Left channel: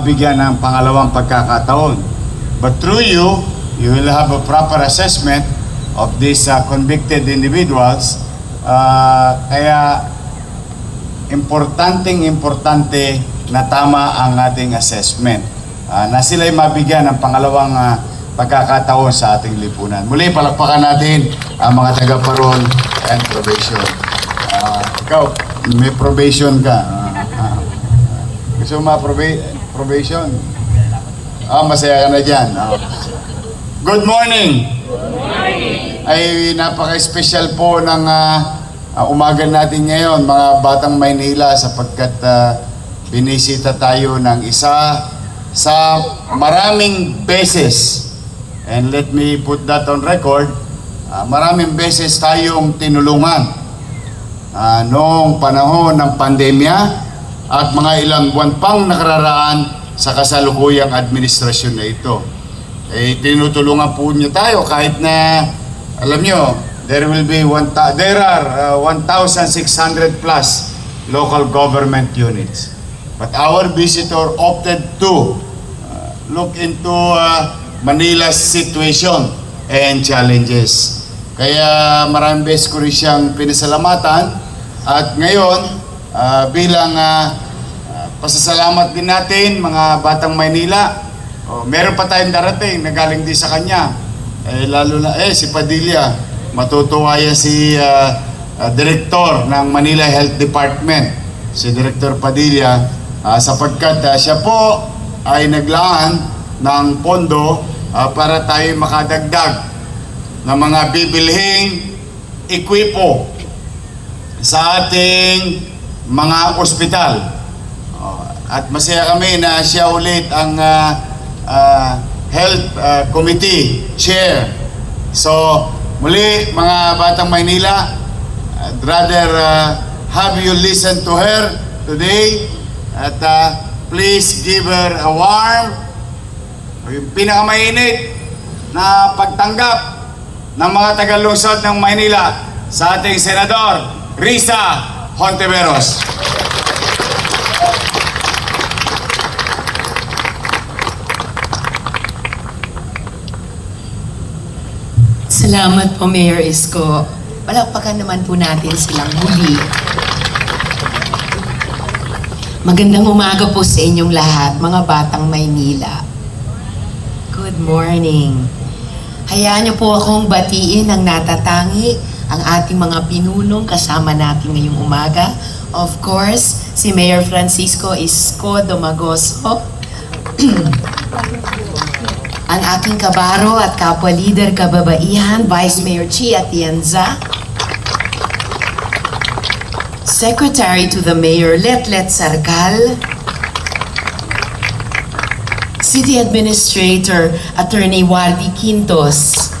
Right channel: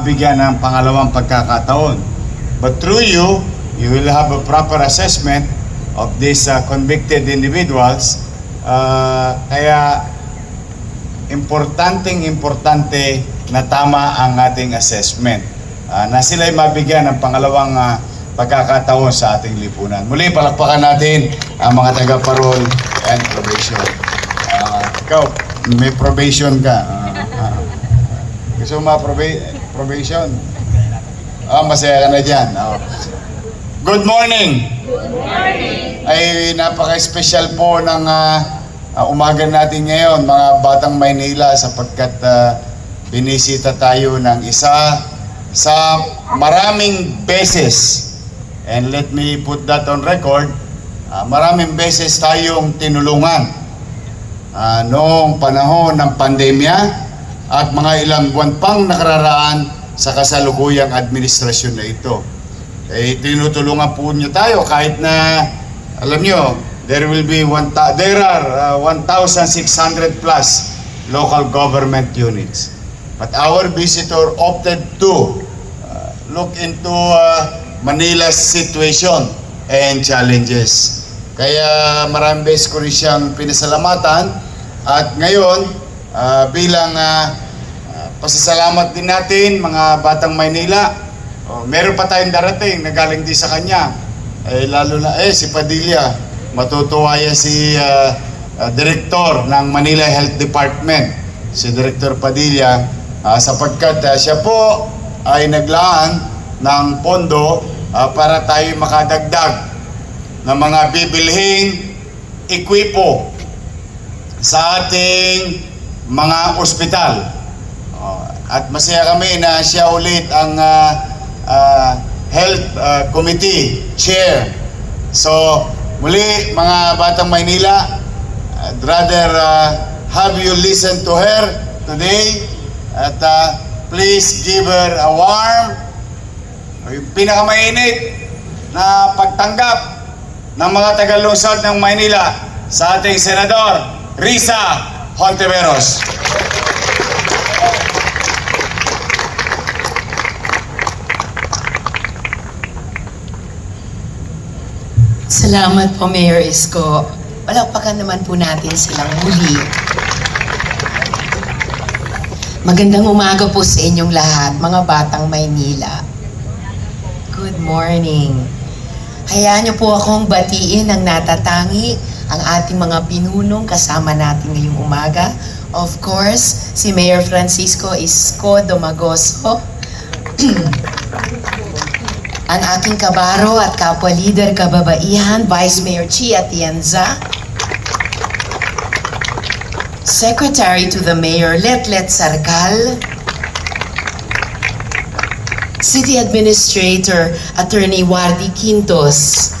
mabigyan ng pangalawang pagkakataon. But through you, you will have a proper assessment of these convicted individuals. Kaya importante na tama ang ating assessment na sila'y mabigyan ng pangalawang pagkakataon sa ating lipunan. Muli, palakpakan natin ang mga taga-parol and probation. Ikaw, may probation ka. Gusto mo probation? Masaya ka na dyan. Good morning! Good morning! Ay napaka-special po ng umaga natin ngayon, mga Batang Maynila, sapagkat binisita tayo ng isa sa maraming beses. And let me put that on record, maraming beses tayong tinulungan noong panahon ng pandemya at mga ilang buwan pang nakararaan sa kasalukuyang administrasyon na ito. Tinutulungan po niyo tayo kahit na, alam niyo, there are 1,600 plus local government units. But our visitor opted to look into Manila's situation and challenges. Kaya maraming beses ko rin siyang pinasalamatan at ngayon bilang pasasalamat din natin mga Batang Maynila, meron pa tayong darating na galing din sa kanya. Lalo na si Padilla, matutuwa yan si Director ng Manila Health Department, si Director Padilla, sapagkat siya po ay naglaan ng pondo para tayo makadagdag ng mga bibilhing ekwipo sa ating mga ospital. At masaya kami na siya ulit ang Health Committee Chair. So, muli mga Batang Maynila, I'd rather have you listen to her today at please give her a warm, pinakamainit na pagtanggap ng mga taga-lungsod ng Maynila sa ating Senador Risa Hontiveros. Salamat po, Mayor Isko. Palakpakan naman po natin silang muli. Magandang umaga po sa inyong lahat, mga Batang Maynila. Good morning. Hayaan niyo po akong batiin ng natatangi ang ating mga pinunong kasama natin ngayong umaga. Of course, si Mayor Francisco Isko Domagoso, ang aking kabaro at kapwa-leader kababaihan, Vice Mayor Chi Atienza, Secretary to the Mayor Letlet Sarkal, City Administrator Attorney Wardy Quintos,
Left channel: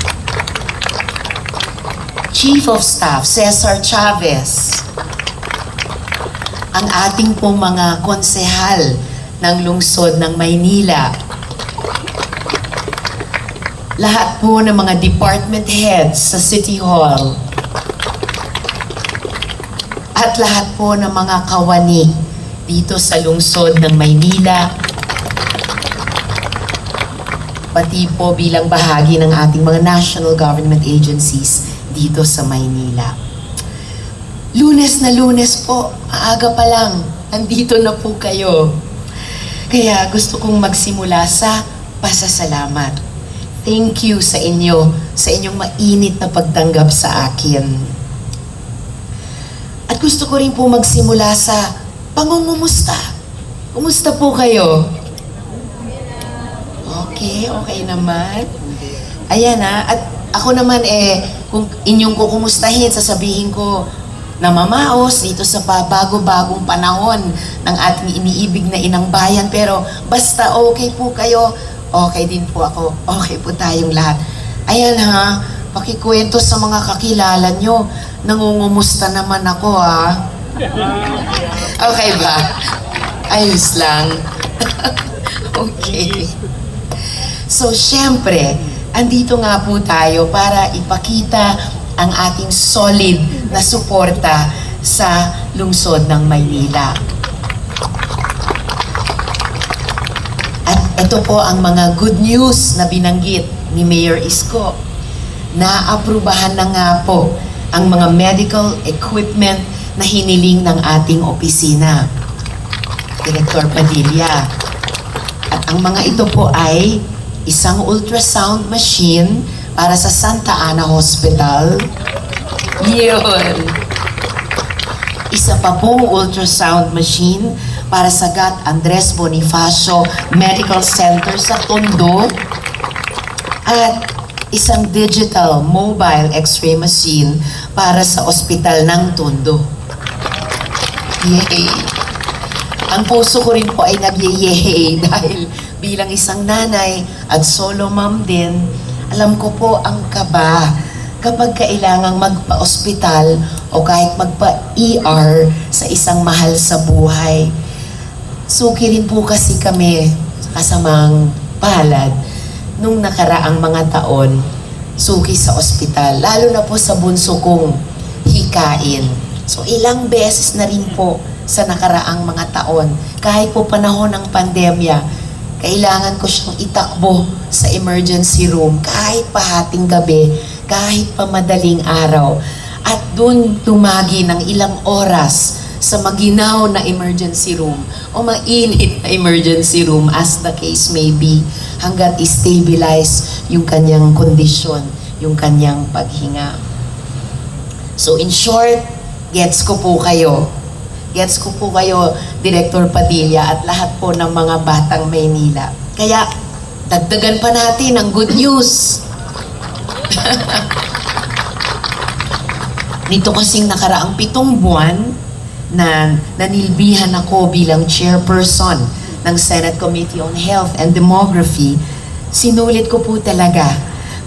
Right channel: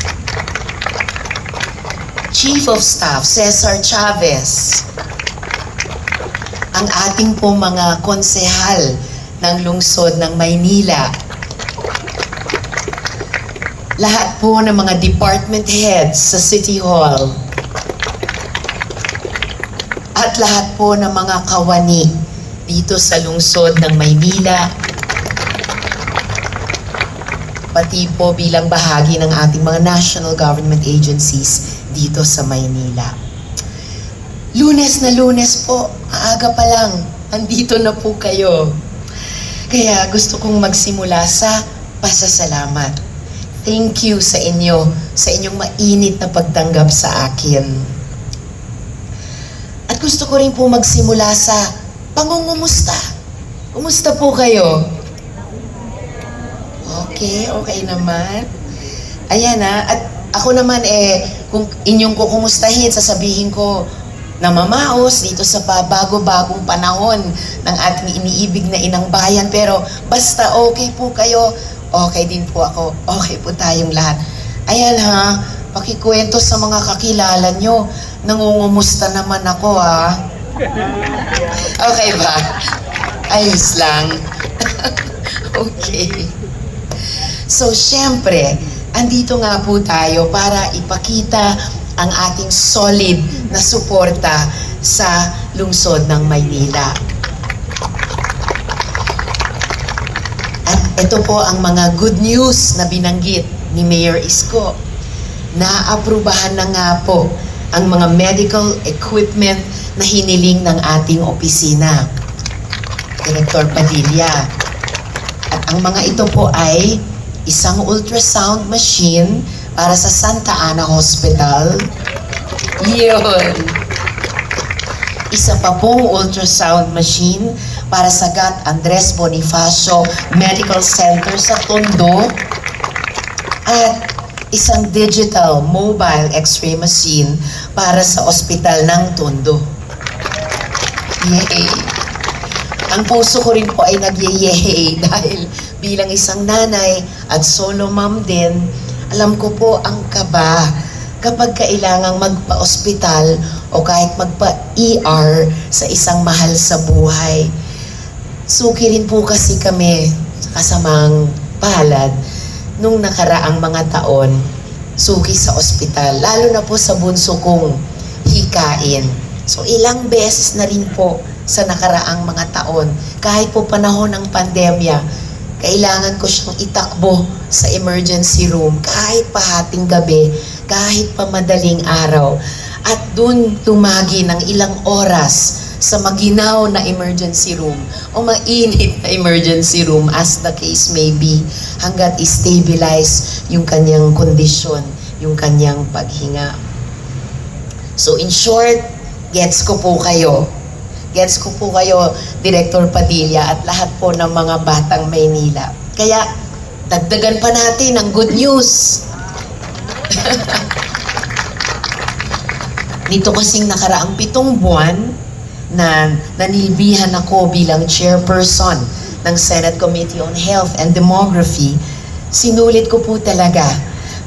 Chief of Staff Cesar Chavez, ang ating pong mga konsehal ng lungsod ng Maynila, lahat po ng mga department heads sa City Hall, at lahat po ng mga kawani dito sa lungsod ng Maynila, pati po bilang bahagi ng ating mga national government agencies dito sa Maynila. Lunes na Lunes po, maaga pa lang, andito na po kayo. Kaya gusto kong magsimula sa pasasalamat. Thank you sa inyo, sa inyong mainit na pagtanggap sa akin. At gusto ko rin po magsimula sa pangungumusta. Kumusta po kayo? Okay naman. Ayan at ako naman kung inyong kukumustahin, sasabihin ko na mamaos dito sa bago-bagong panahon ng ating iniibig na inang bayan. Pero basta okay po kayo, okay din po ako, okay po tayong lahat. Ayan pakikwento sa mga kakilala nyo, nangungumusta naman ako Okay ba? Ayos lang. Okay. So, syempre, andito nga po tayo para ipakita ang ating solid na suporta sa lungsod ng Maynila. Ito po ang mga good news na binanggit ni Mayor Isko. Naaprubahan na nga po ang mga medical equipment na hiniling ng ating opisina. Director Padilla. At ang mga ito po ay isang ultrasound machine para sa Santa Ana Hospital. Yun. Isa pa pong ultrasound machine para sa Gat Andres Bonifacio Medical Center sa Tondo. At isang digital mobile x-ray machine para sa ospital ng Tondo. Yay! Ang puso ko rin po ay nag-yay dahil bilang isang nanay at solo mom din, alam ko po ang kaba kapag kailangang magpa-ospital o kahit magpa-ER sa isang mahal sa buhay. Suki rin po kasi kami sa kasamang palad nung nakaraang mga taon, suki sa ospital, lalo na po sa bunso kong hikain. So ilang beses na rin po sa nakaraang mga taon, kahit po panahon ng pandemya, kailangan ko siyang itakbo sa emergency room kahit pahating gabi, kahit pa madaling araw. At dun tumagi ng ilang oras sa maginaw na emergency room o mainit na emergency room as the case may be hanggat i-stabilize yung kanyang kondisyon, yung kanyang paghinga. So in short, gets ko po kayo. Gets ko po kayo, Director Padilla at lahat po ng mga batang Maynila. Kaya dagdagan pa natin ang good news. Nito kasing nakaraang 7 buwan na nanilbihan ako bilang chairperson ng Senate Committee on Health and Demography, sinulit ko po talaga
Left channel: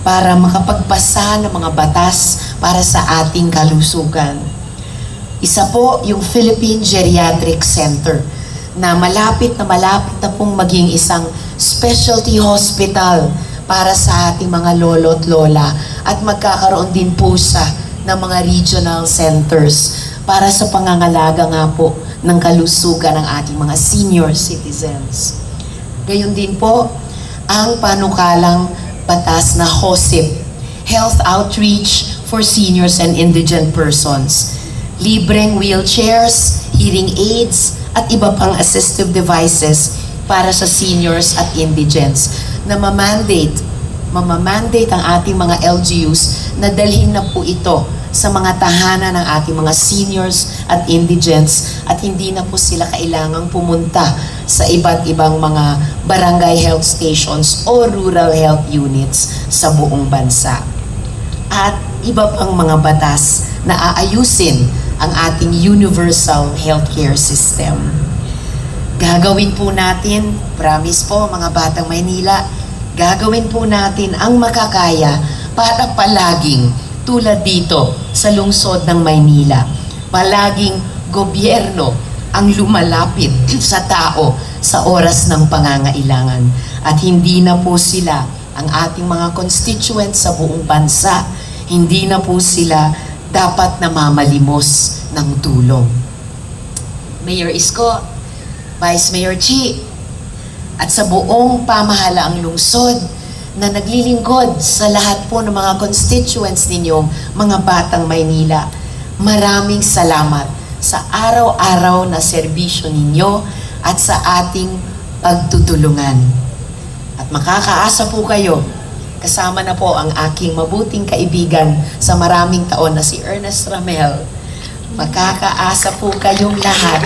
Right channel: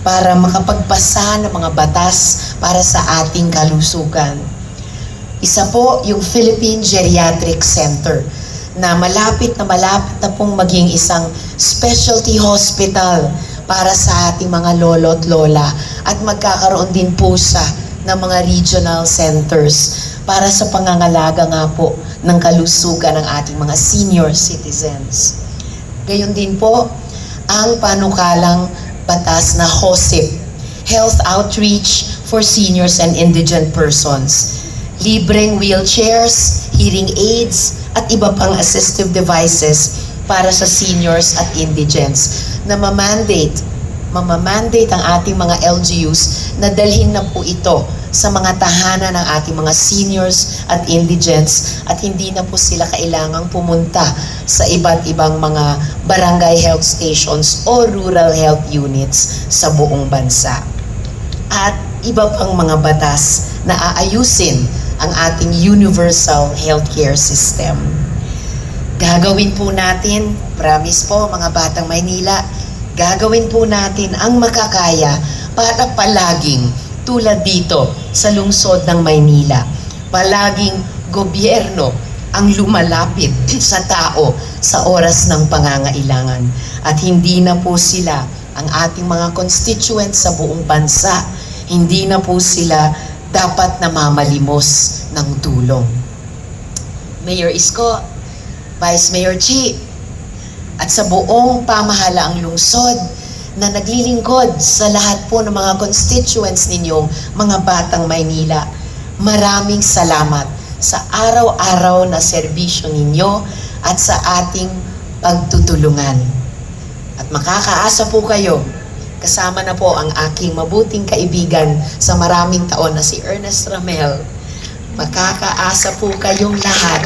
para makapagpasa ng mga batas para sa ating kalusugan. Isa po yung Philippine Geriatric Center na malapit na pong maging isang specialty hospital para sa ating mga lolo at lola at magkakaroon din po sa ng mga regional centers para sa pangangalaga nga po ng kalusugan ng ating mga senior citizens. Gayon din po ang panukalang batas na HOSIP, Health Outreach for Seniors and Indigent Persons. Libreng wheelchairs, hearing aids, at iba pang assistive devices para sa seniors at indigents na mamandate ang ating mga LGUs na dalhin na po ito sa mga tahanan ng ating mga seniors at indigents at hindi na po sila kailangang pumunta sa iba't ibang mga barangay health stations o rural health units sa buong bansa. At iba pang mga batas na aayusin ang ating universal healthcare system. Gagawin po natin, promise po mga batang Maynila, gagawin po natin ang makakaya para palaging tulad dito sa lungsod ng Maynila. Palaging gobyerno ang lumalapit sa tao sa oras ng pangangailangan. At hindi na po sila ang ating mga constituents sa buong bansa. Hindi na po sila dapat namamalimos ng tulong. Mayor Isko, Vice Mayor Chi, at sa buong pamahalaang lungsod na naglilingkod sa lahat po ng mga constituents ninyong mga batang Maynila. Maraming salamat sa araw-araw na serbisyo ninyo at sa ating pagtutulungan. At makakaasa po kayo, kasama na po ang aking mabuting kaibigan sa maraming taon na si Ernest Ramel. Makakaasa po kayong lahat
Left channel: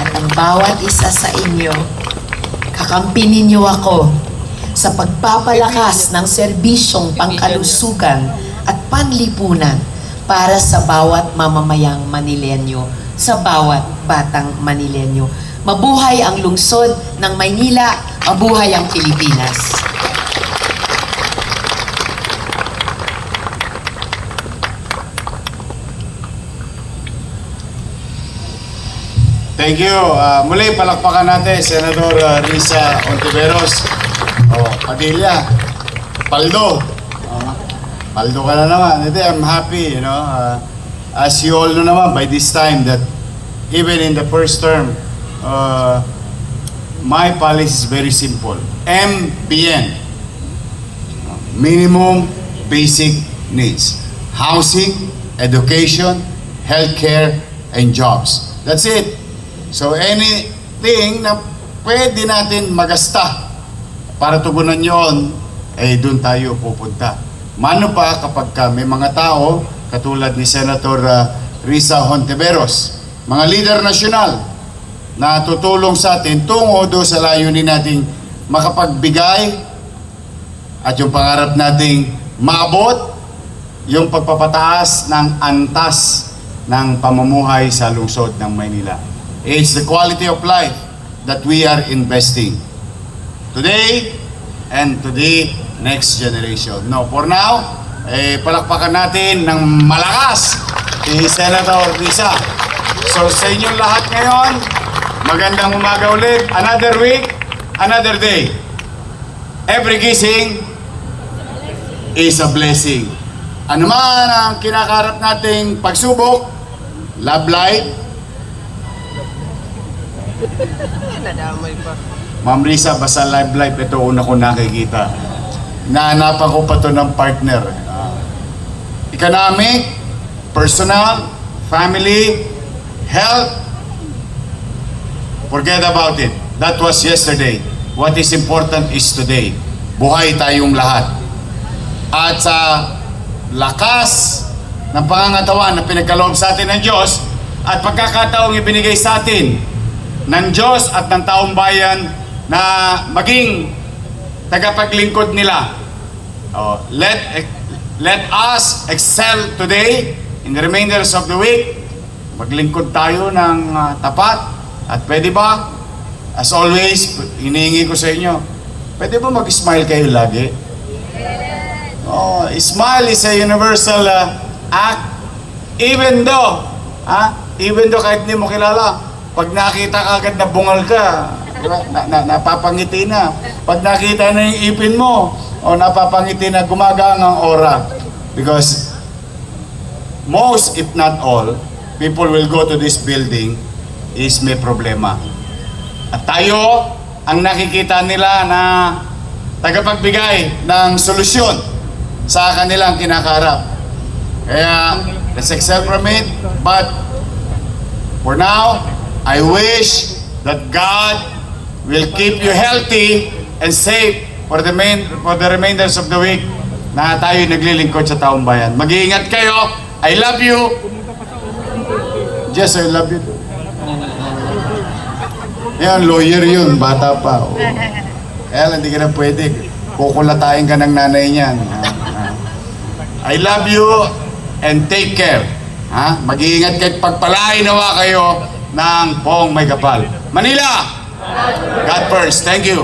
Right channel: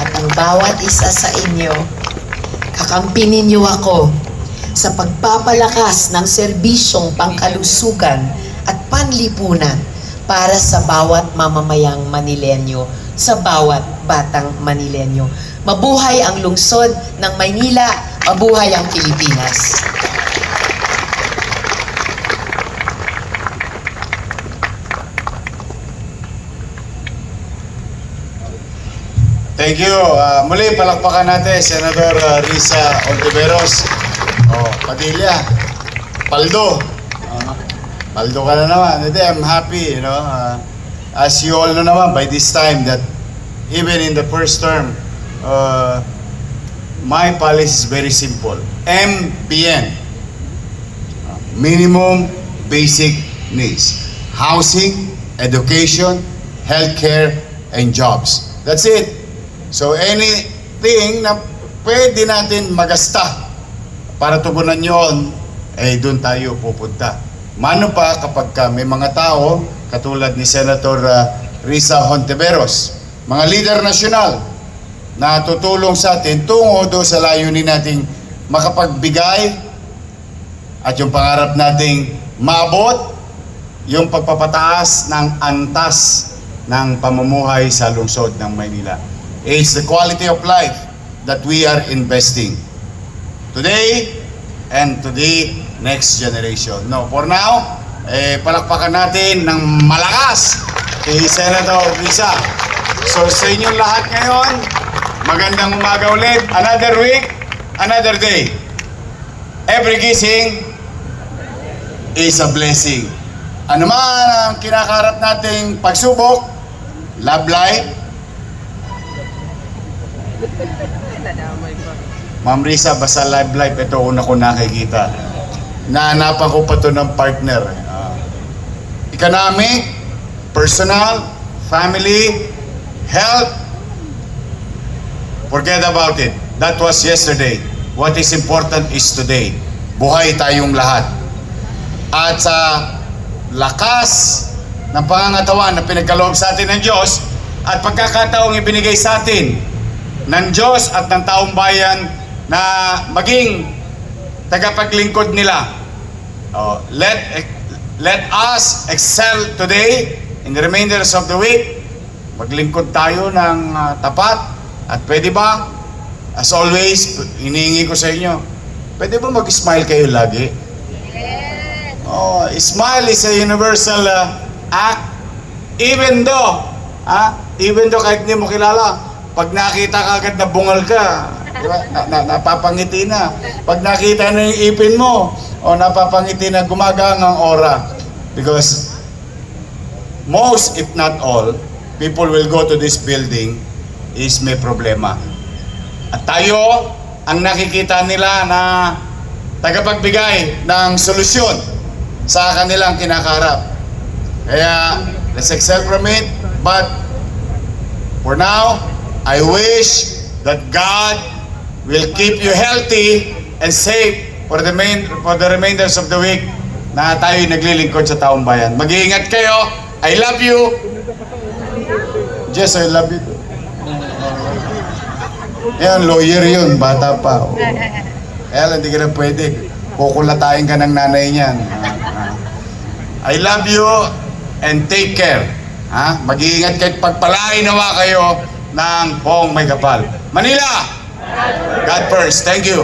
at ang bawat isa sa inyo, kakampi ninyo ako sa pagpapalakas ng serbisyong pangkalusugan at panlipunan para sa bawat mamamayang Manilenyo, sa bawat batang Manilenyo. Mabuhay ang lungsod ng Maynila, mabuhay ang Pilipinas. Thank you. Muli, palakpakan natin, Senador Risa Ontiveros. Padilla, Paldo. Paldo ka na naman. I'm happy, you know. As you all know naman, by this time, that even in the first term, my policy is very simple. MBN. Minimum Basic Needs. Housing, education, healthcare, and jobs. That's it. So anything na pwede natin magasta para tugunan yon, doon tayo pupunta. Mano pa kapag may mga tao, katulad ni Senator Risa Hontiveros, mga leader nasyonal, na tutulong sa atin tungo doon sa layunin nating makapagbigay at yung pangarap nating maabot yung pagpapataas ng antas ng pamumuhay sa lungsod ng Maynila. It's the quality of life that we are investing today and to the next generation. No, for now, palakpakan natin ng malakas si Senator Risa. So sa inyong lahat ngayon, magandang umaga ulit. Another week, another day. Every gising is a blessing. Ano man ang kinakaharap nating pagsubok, love life. Ma'am Risa, basta love life, ito una ko nakikita. Nahanapan ko pa to ng partner. Economic, personal, family, health, forget about it. That was yesterday. What is important is today. Buhay tayong lahat. At sa lakas ng pangangatawan na pinagkaloob sa atin ng Diyos at pagkakataong ibinigay sa atin ng Diyos at ng taong bayan na maging tagapaglingkod nila. Let us excel today in the remainders of the week. Maglingkod tayo ng tapat. At pwede ba, as always, hinihingi ko sa inyo, pwede ba mag-smile kayo lagi? Smile is a universal act. Even though kahit hindi mo kilala, pag nakita ka agad na bungal ka, napapangiti na. Pag nakita na yung ipin mo, napapangiti na gumagang ang aura. Because most, if not all, people will go to this building is may problema. At tayo, ang nakikita nila na tagapagbigay ng solusyon sa kanilang kinakaharap. Kaya, let's excel from it. But, for now, I wish that God will keep you healthy and safe for the remainders of the week na tayo naglilingkod sa taong bayan. Mag-iingat kayo. I love you. Yes, I love you. Yan, lawyer yun. Bata pa. Kaya hindi ka na pwede. Kukulatayin ka ng nanay niyan. I love you and take care. Mag-iingat kayo, pagpalain nawa kayo ng buong may kapal. Manila! God first. Thank you.